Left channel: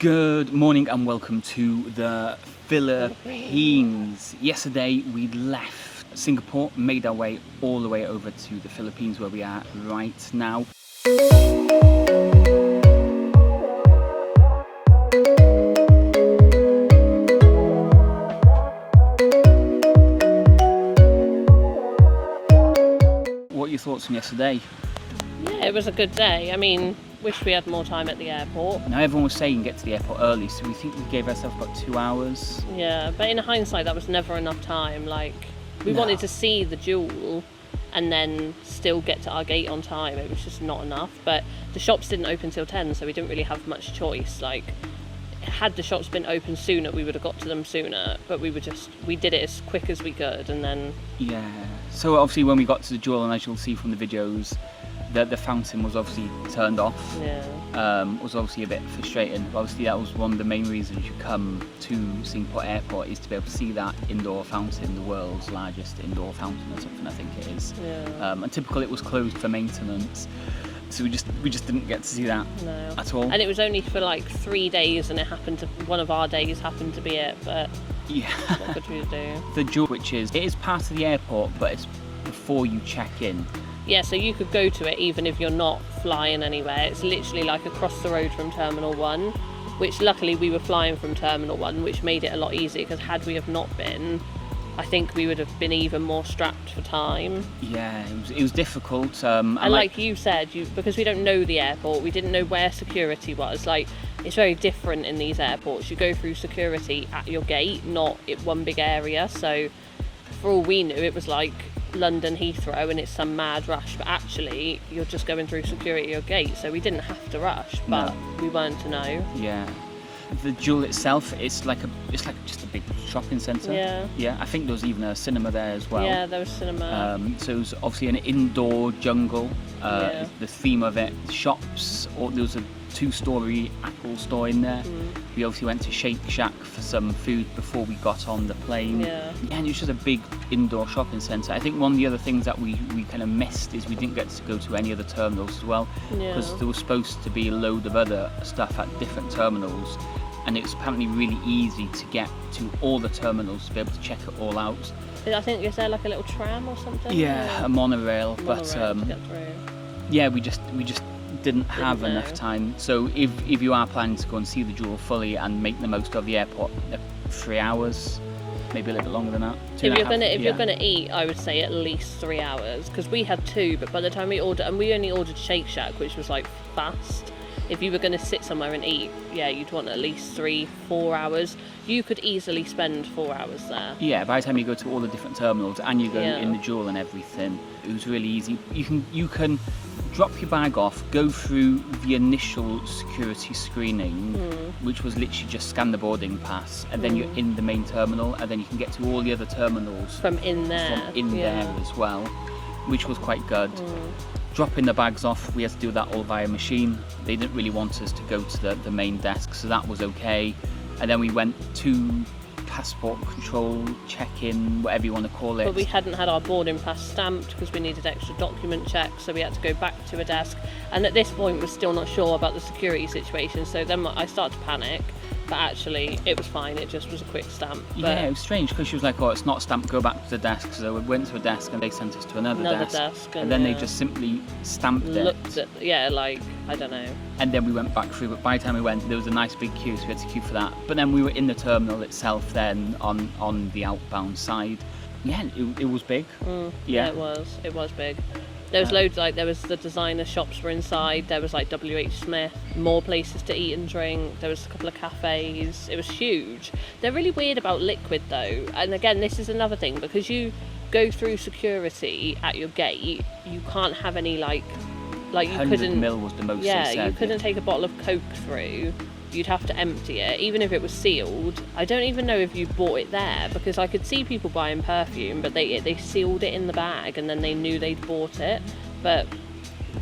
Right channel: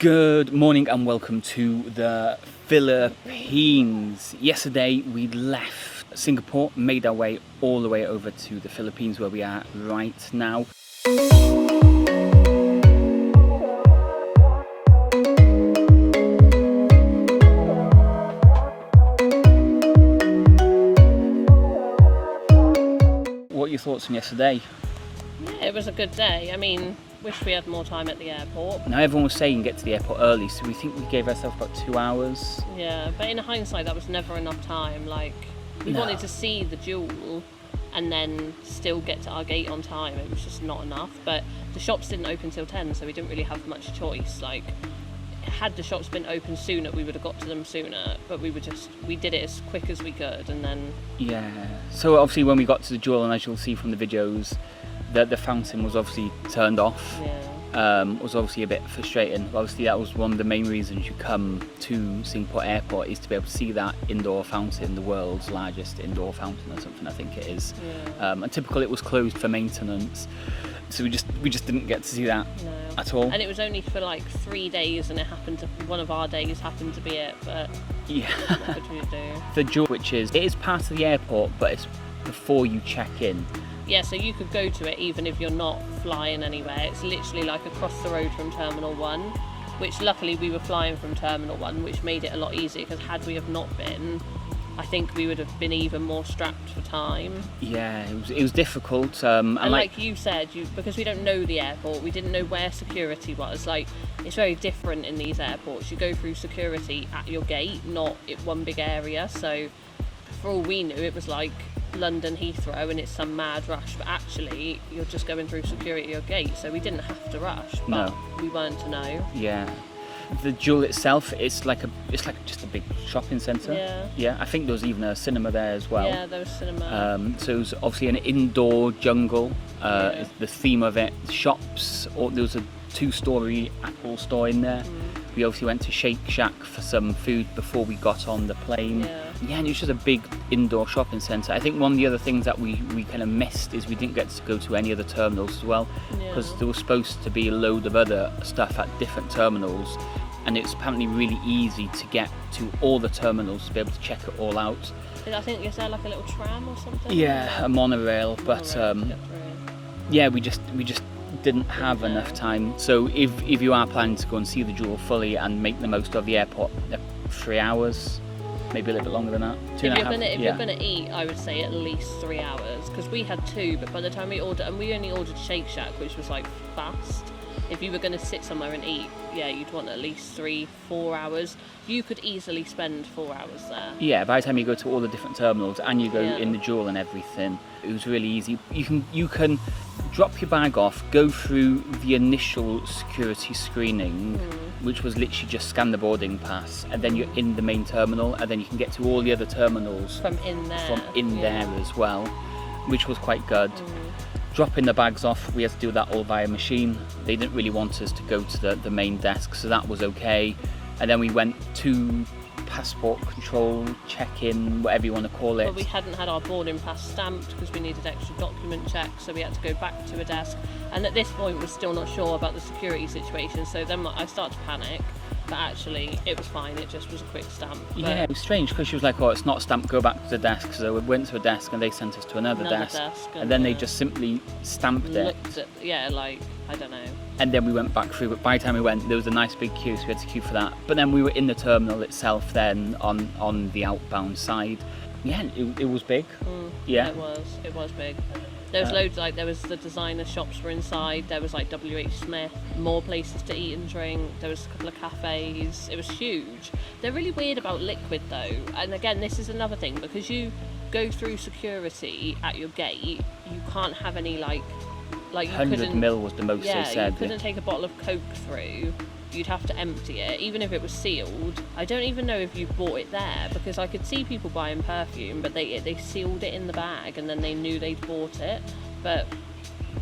Good morning and welcome to the Philippines. Yesterday we left Singapore, made our way all the way over to the Philippines where we are right now. What are your thoughts from yesterday? Yeah, it was a good day. I mean, wish we had more time at the airport. Now everyone was saying get to the airport early, so we think we gave ourselves about 2 hours. Yeah, but in hindsight, that was never enough time. Like, we wanted to see the jewel and then still get to our gate on time. It was just not enough. But the shops didn't open till 10, so we didn't really have much choice. Like, had the shops been open sooner, we would have got to them sooner. But we did it as quick as we could, and then... Yeah. So obviously when we got to the jewel, and as you'll see from the videos, the fountain was obviously turned off. Yeah. It was obviously a bit frustrating. Obviously that was one of the main reasons you come to Singapore Airport, is to be able to see that indoor fountain, the world's largest indoor fountain or something, I think it is. Yeah. And typical, it was closed for maintenance, so we just didn't get to see that at all. And it was only for like 3 days, and one of our days happened to be it. But yeah, what could we do? The jewel, which is, it is part of the airport, but it's before you check in. Yeah, so you could go to it even if you're not flying anywhere. It's literally like across the road from Terminal 1, which luckily we were flying from Terminal 1, which made it a lot easier, because had we have not been, I think we would have been even more strapped for time. Yeah, it was difficult. And like you said, because we don't know the airport, we didn't know where security was. Like, it's very different in these airports. You go through security at your gate, not in one big area. So for all we knew, it was like London Heathrow and it's some mad rush, but actually you're just going through security at your gate, so we didn't have to rush, but we weren't to know. Yeah. The jewel itself, it's like just a big shopping centre. Yeah, I think there was even a cinema there as well. Yeah, there was cinema. So it was obviously an indoor jungle. The theme of it, shops, there was a 2-story Apple store in there. We obviously went to Shake Shack for some food before we got on the plane. Yeah, and it was just a big indoor shopping centre. I think one of the other things that we kind of missed is we didn't get to go to any other terminals as well, because there was supposed to be a load of other stuff at different terminals, and it's apparently really easy to get to all the terminals to be able to check it all out. I think, is there like a little tram or something? Yeah, a monorail, but yeah, we just didn't have enough time. So if you are planning to go and see the jewel fully and make the most of the airport, 3 hours, maybe a little bit longer than that. If you're gonna eat, I would say at least 3 hours, because we had 2, but by the time we ordered, and we only ordered Shake Shack, which was like fast. If you were going to sit somewhere and eat, you'd want at least 3-4 hours. You could easily spend 4 hours there. Yeah, by the time you go to all the different terminals and you go in the jewel and everything, it was really easy. You can drop your bag off, go through the initial security screening, which was literally just scan the boarding pass, and then you're in the main terminal, and then you can get to all the other terminals from in there as well, which was quite good. Dropping the bags off, we had to do that all via machine. They didn't really want us to go to the main desk, so that was okay. And then we went to passport control, check-in, whatever you want to call it. But we hadn't had our boarding pass stamped because we needed extra document checks, so we had to go back to a desk. And at this point, we're still not sure about the security situation, so then I started to panic. But actually, it was fine. It just was a quick stamp. Yeah, it was strange, because she was like, "Oh, it's not stamped. Go back to the desk." So we went to a desk, and they sent us to another desk, and then they just simply stamped looked at, like, I don't know. And then we went back through. But by the time we went, there was a nice big queue, so we had to queue for that. But then we were in the terminal itself, then on the outbound side. Yeah, it was big. Yeah, it was big. There was loads, like, there was the designer shops were inside, there was like WH Smith, more places to eat and drink, there was a couple of cafes. It was huge. They're really weird about liquid though, and again, this is another thing, because you go through security at your gate, you can't have any like you 100 ml was the most they said. You couldn't take a bottle of Coke through. You'd have to empty it, even if it was sealed. I don't even know if you bought it there, because I could see people buying perfume, but they sealed it in the bag and then they knew they'd bought it. But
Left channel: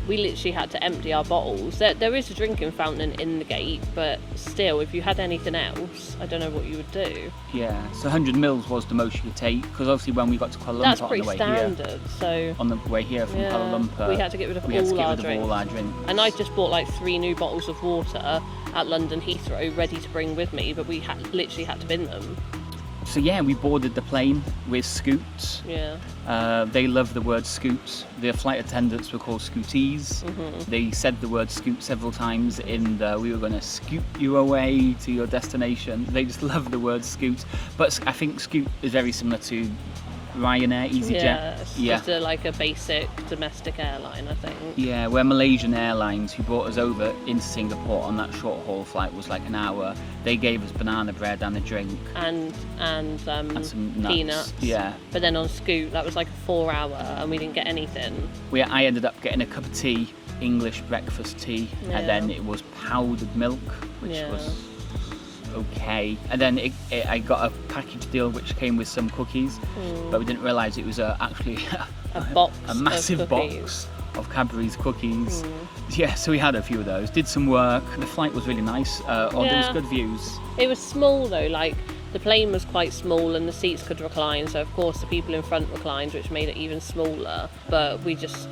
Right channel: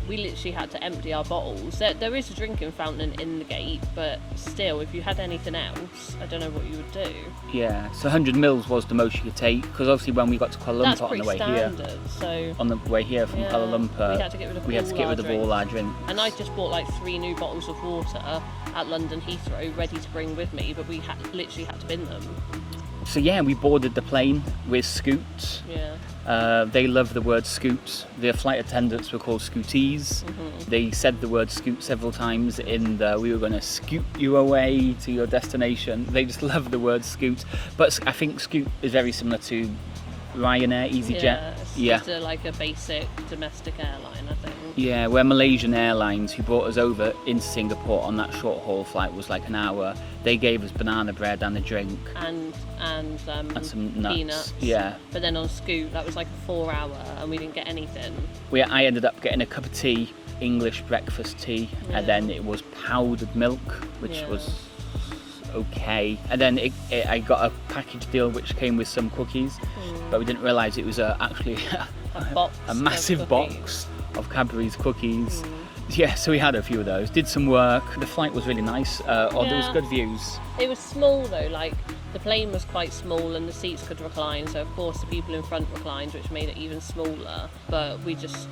we literally had to empty our bottles. There is a drinking fountain in the gate, but still, if you had anything else, I don't know what you would do. Yeah, so 100 mils was the most you could take, because obviously when we got to Kuala Lumpur That's on pretty the way standard. here, So on the way here from Kuala Lumpur, we had to get rid of all our drinks. And I just bought like 3 new bottles of water at London Heathrow, ready to bring with me, but we literally had to bin them. So yeah, we boarded the plane with Scoot. Yeah. They love the word Scoot. The flight attendants were called Scooties. They said the word Scoot several times in the "we were going to scoot you away to your destination." They just love the word Scoot. But I think Scoot is very similar to Ryanair, EasyJet. Yeah, it's just like a basic domestic airline, I think. Yeah, where Malaysian Airlines, who brought us over into Singapore on that short haul flight, was like an hour. They gave us banana bread and a drink. And some nuts. Peanuts. Yeah. But then on Scoot, that was like a 4 hour and we didn't get anything. I ended up getting a cup of tea, English breakfast tea, and then it was powdered milk, which was okay. And then I got a package deal which came with some cookies, but we didn't realise it was actually a massive box of Cadbury's cookies. Yeah, so we had a few of those, did some work. The flight was really nice, there was good views. It was small though, like the plane was quite small and the seats could recline, so of course the people in front reclined, which made it even smaller, but we just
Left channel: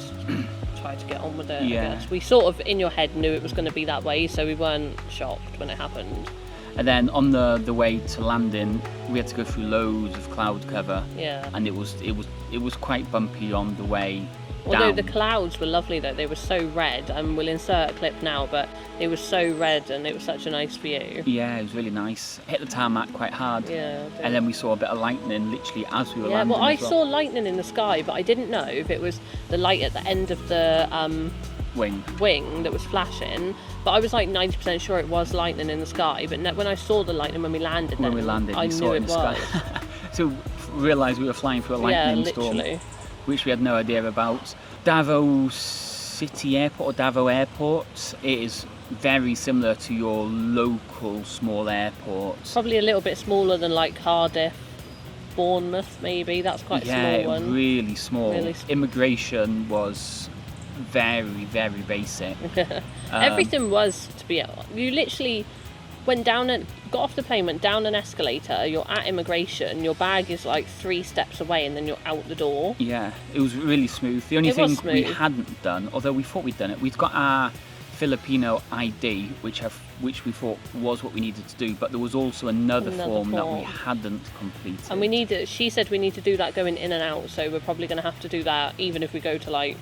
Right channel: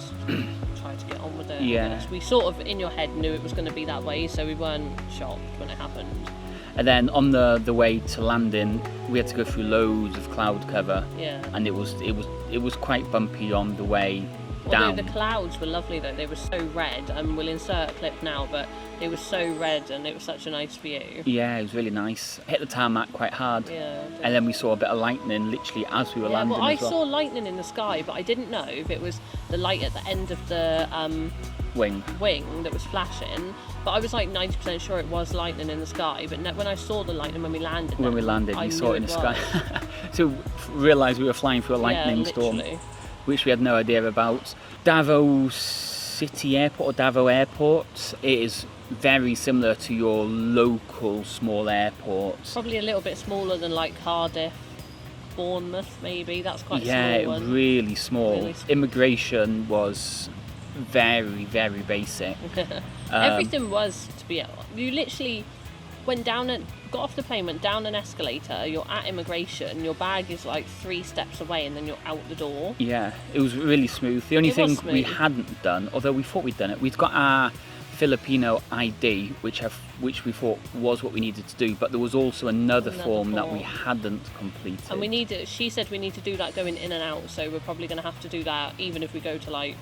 tried to get on with it. I guess. We sort of in your head knew it was going to be that way, so we weren't shocked when it happened. And then on the way to landing, we had to go through loads of cloud cover. Yeah. And it was quite bumpy on the way Although down. the clouds were lovely though, they were so red, and we'll insert a clip now, but it was so red and it was such a nice view. Yeah, it was really nice. Hit the tarmac quite hard. Yeah. And then we saw a bit of lightning literally as we were landing. Yeah, well, I saw lightning in the sky, but I didn't know if it was the light at the end of the wing that was flashing. But I was like 90% sure it was lightning in the sky. But when I saw the lightning when we landed, we saw it in the sky. So realised we were flying through a lightning storm, which we had no idea about. Davao City Airport or Davao Airport, it is very similar to your local small airport. Probably a little bit smaller than like Cardiff, Bournemouth maybe. That's quite a small one. Yeah, really small. Immigration was very, very basic. Everything was, to be honest. You literally got off the plane, went down an escalator, you're at immigration, your bag is like 3 steps away and then you're out the door. Yeah, it was really smooth. The only thing we hadn't done, although we thought we'd done it, we'd got our Filipino ID, which we thought was what we needed to do, but there was also another form that we hadn't completed. And she said we need to do that going in and out, so we're probably going to have to do that even if we go to like,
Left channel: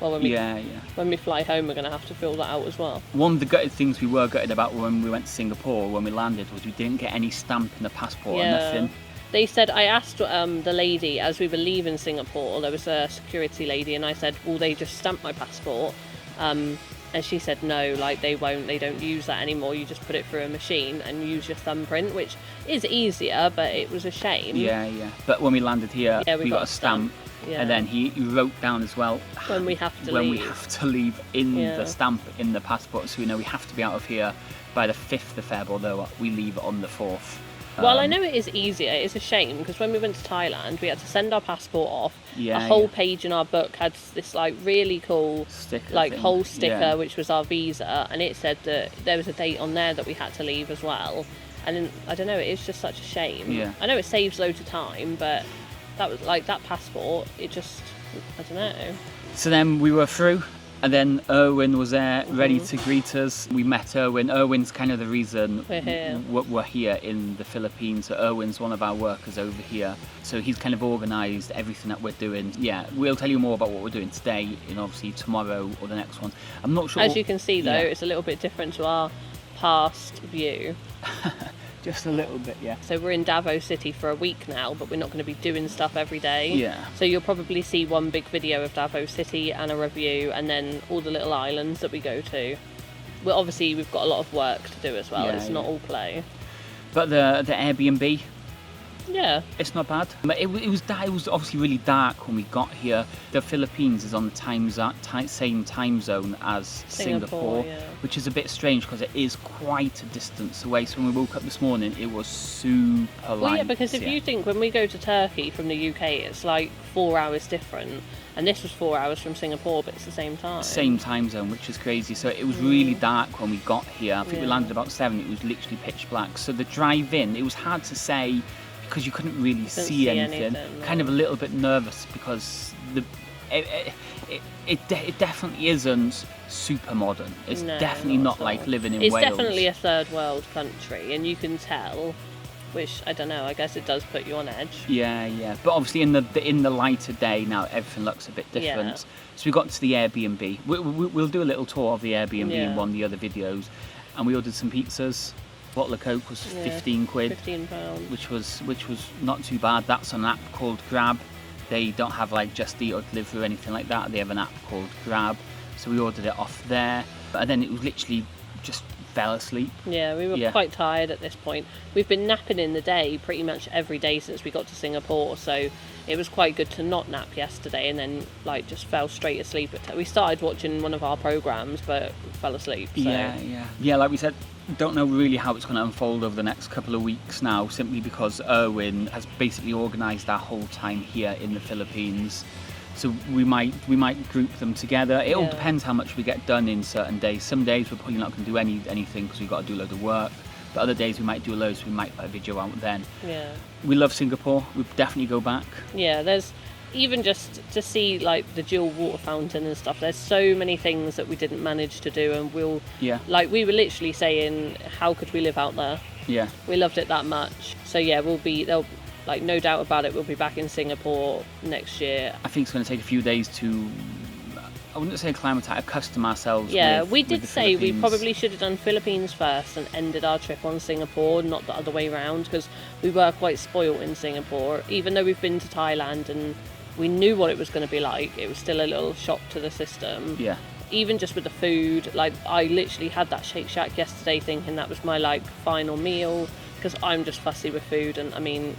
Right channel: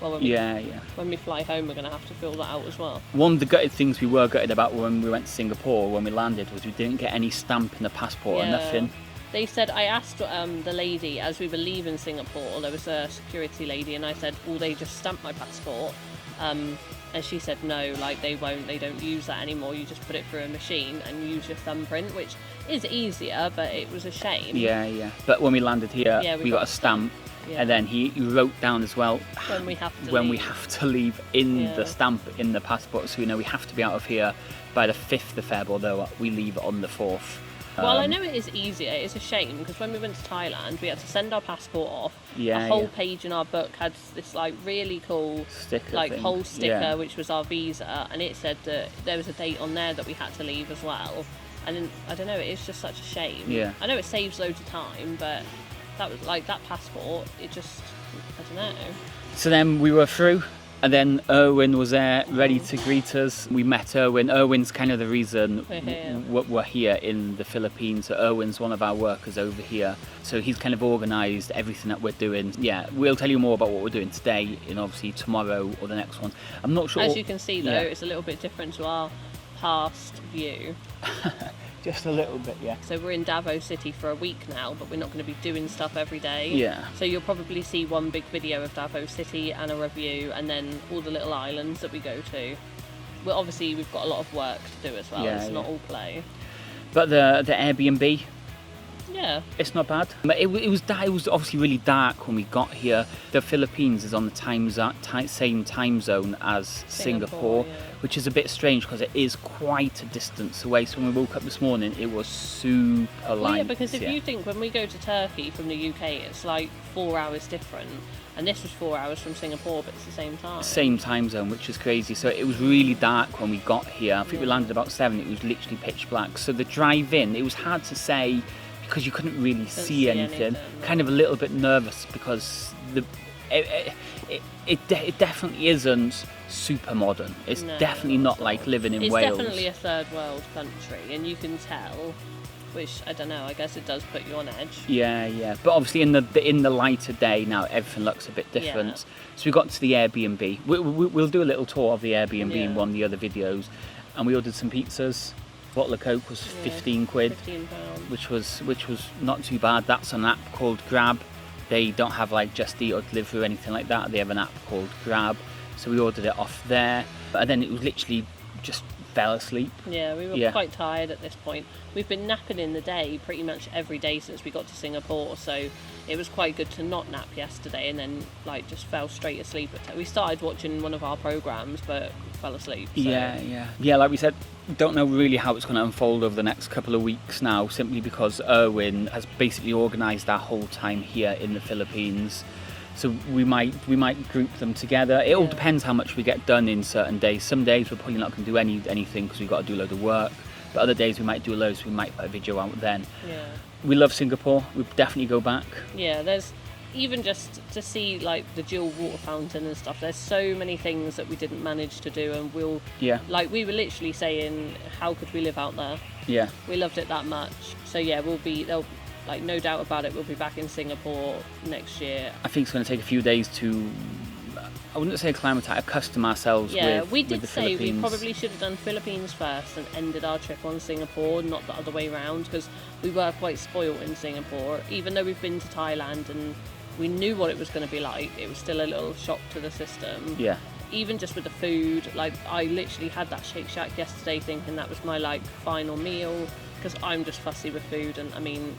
when we fly home, we're going to have to fill that out as well. One of the gutted things we were gutted about when we went to Singapore, when we landed, was we didn't get any stamp in the passport or nothing. They said, I asked the lady as we were leaving Singapore, there was a security lady, and I said, will they just stamp my passport? And she said no, like they don't use that anymore, you just put it through a machine and use your thumbprint, which is easier, but it was a shame. Yeah. But when we landed here, we got a stamp. Yeah. And then he wrote down as well when we have to leave in the stamp in the passport, so we have to be out of here by the 5th of Feb, although we leave on the 4th. Well, I know it is easier. It's a shame because when we went to Thailand, we had to send our passport off. A whole page in our book had this like really cool whole sticker, which was our visa, and it said that there was a date on there that we had to leave as well. And then, I don't know, it's just such a shame. Yeah. I know it saves loads of time, but that was like that passport. It just, I don't know. So then we were through. And then Erwin was there, ready to greet us. We met Erwin. Erwin's kind of the reason we're here in the Philippines. So Erwin's one of our workers over here. So he's kind of organised everything that we're doing. Yeah, we'll tell you more about what we're doing today and obviously tomorrow or the next one. I'm not sure. As you can see though, it's a little bit different to our past view. Just a little bit, yeah. So we're in Davao City for a week now, but we're not going to be doing stuff every day. Yeah. So you'll probably see one big video of Davao City and a review, and then all the little islands that we go to. Well, obviously we've got a lot of work to do as well. It's not all play. But the Airbnb, Yeah. It's not bad. But it was obviously really dark when we got here. The Philippines is on the same time zone as Singapore, yeah. which is a bit strange because it is quite a distance away. So when we woke up this morning, it was super light. Well, yeah, because if you think when we go to Turkey from the UK, it's like 4 hours different, and this was 4 hours from Singapore, but it's the same time. Same time zone, which is crazy. So it was really dark when we got here. I think we landed about 7. It was literally pitch black. So the drive in, it was hard to say because you couldn't really see anything. Kind of a little bit nervous because it definitely isn't super modern. It's definitely not like living in Wales. It's definitely a third world country, and you can tell. Which, I don't know, I guess it does put you on edge. Yeah. But obviously in the lighter day now, everything looks a bit different. Yeah. So we got to the Airbnb. We'll do a little tour of the Airbnb in one of the other videos. And we ordered some pizzas. A bottle of Coke was 15 quid. £15. Which was not too bad. That's an app called Grab. They don't have like Just Eat or Delivery or anything like that. They have an app called Grab. So we ordered it off there. And then it was literally just fell asleep. Yeah, we were quite tired at this point. We've been napping in the day pretty much every day since we got to Singapore, so it was quite good to not nap yesterday and then like just fell straight asleep. We started watching one of our programs but fell asleep. So. Yeah, like we said, don't know really how it's going to unfold over the next couple of weeks now, simply because Erwin has basically organised our whole time here in the Philippines. So we might group them together. It all depends how much we get done in certain days. Some days we're probably not going to do anything because we've got to do a load of work. But other days we might do loads, so we might put a video out then. Yeah. We love Singapore. We'd definitely go back. Yeah, there's even just to see like the dual water fountain and stuff. There's so many things that we didn't manage to do, and we were literally saying, how could we live out there? Yeah. We loved it that much. So yeah, there'll like no doubt about it, we'll be back in Singapore next year. I think it's going to take a few days to, I wouldn't say accustom ourselves. Yeah, we did say we probably should have done Philippines first and ended our trip on Singapore, not the other way around, because we were quite spoilt in Singapore. Even though we've been to Thailand and we knew what it was going to be like, it was still a little shock to the system. Yeah. Even just with the food, like I literally had that Shake Shack yesterday thinking that was my like final meal, because I'm just fussy with food. And I mean,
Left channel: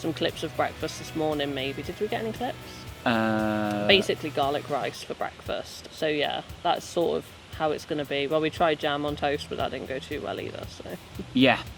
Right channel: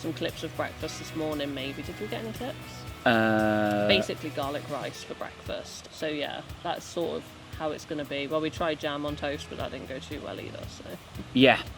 some clips of breakfast this morning maybe. Did we get any clips? Basically garlic rice for breakfast. So yeah, that's sort of how it's going to be. Well, we tried jam on toast, but that didn't go too well either.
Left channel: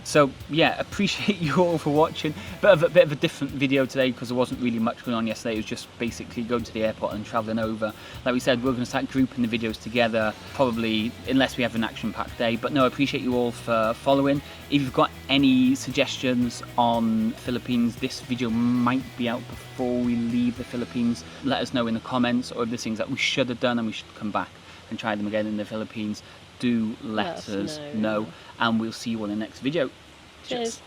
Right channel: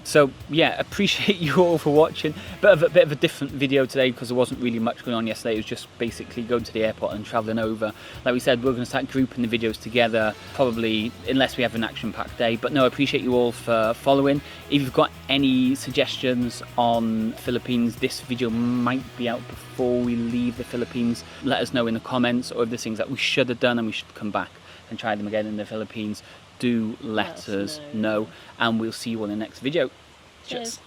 So appreciate you all for watching. Bit of a different video today because there wasn't really much going on yesterday. It was just basically going to the airport and travelling over. Like we said, we're going to start grouping the videos together, probably unless we have an action-packed day. But no, I appreciate you all for following. If you've got any suggestions on Philippines, this video might be out before we leave the Philippines. Let us know in the comments, or if there's things that we should have done and we should come back and try them again in the Philippines. Do let us know, and we'll see you on the next video. Cheers.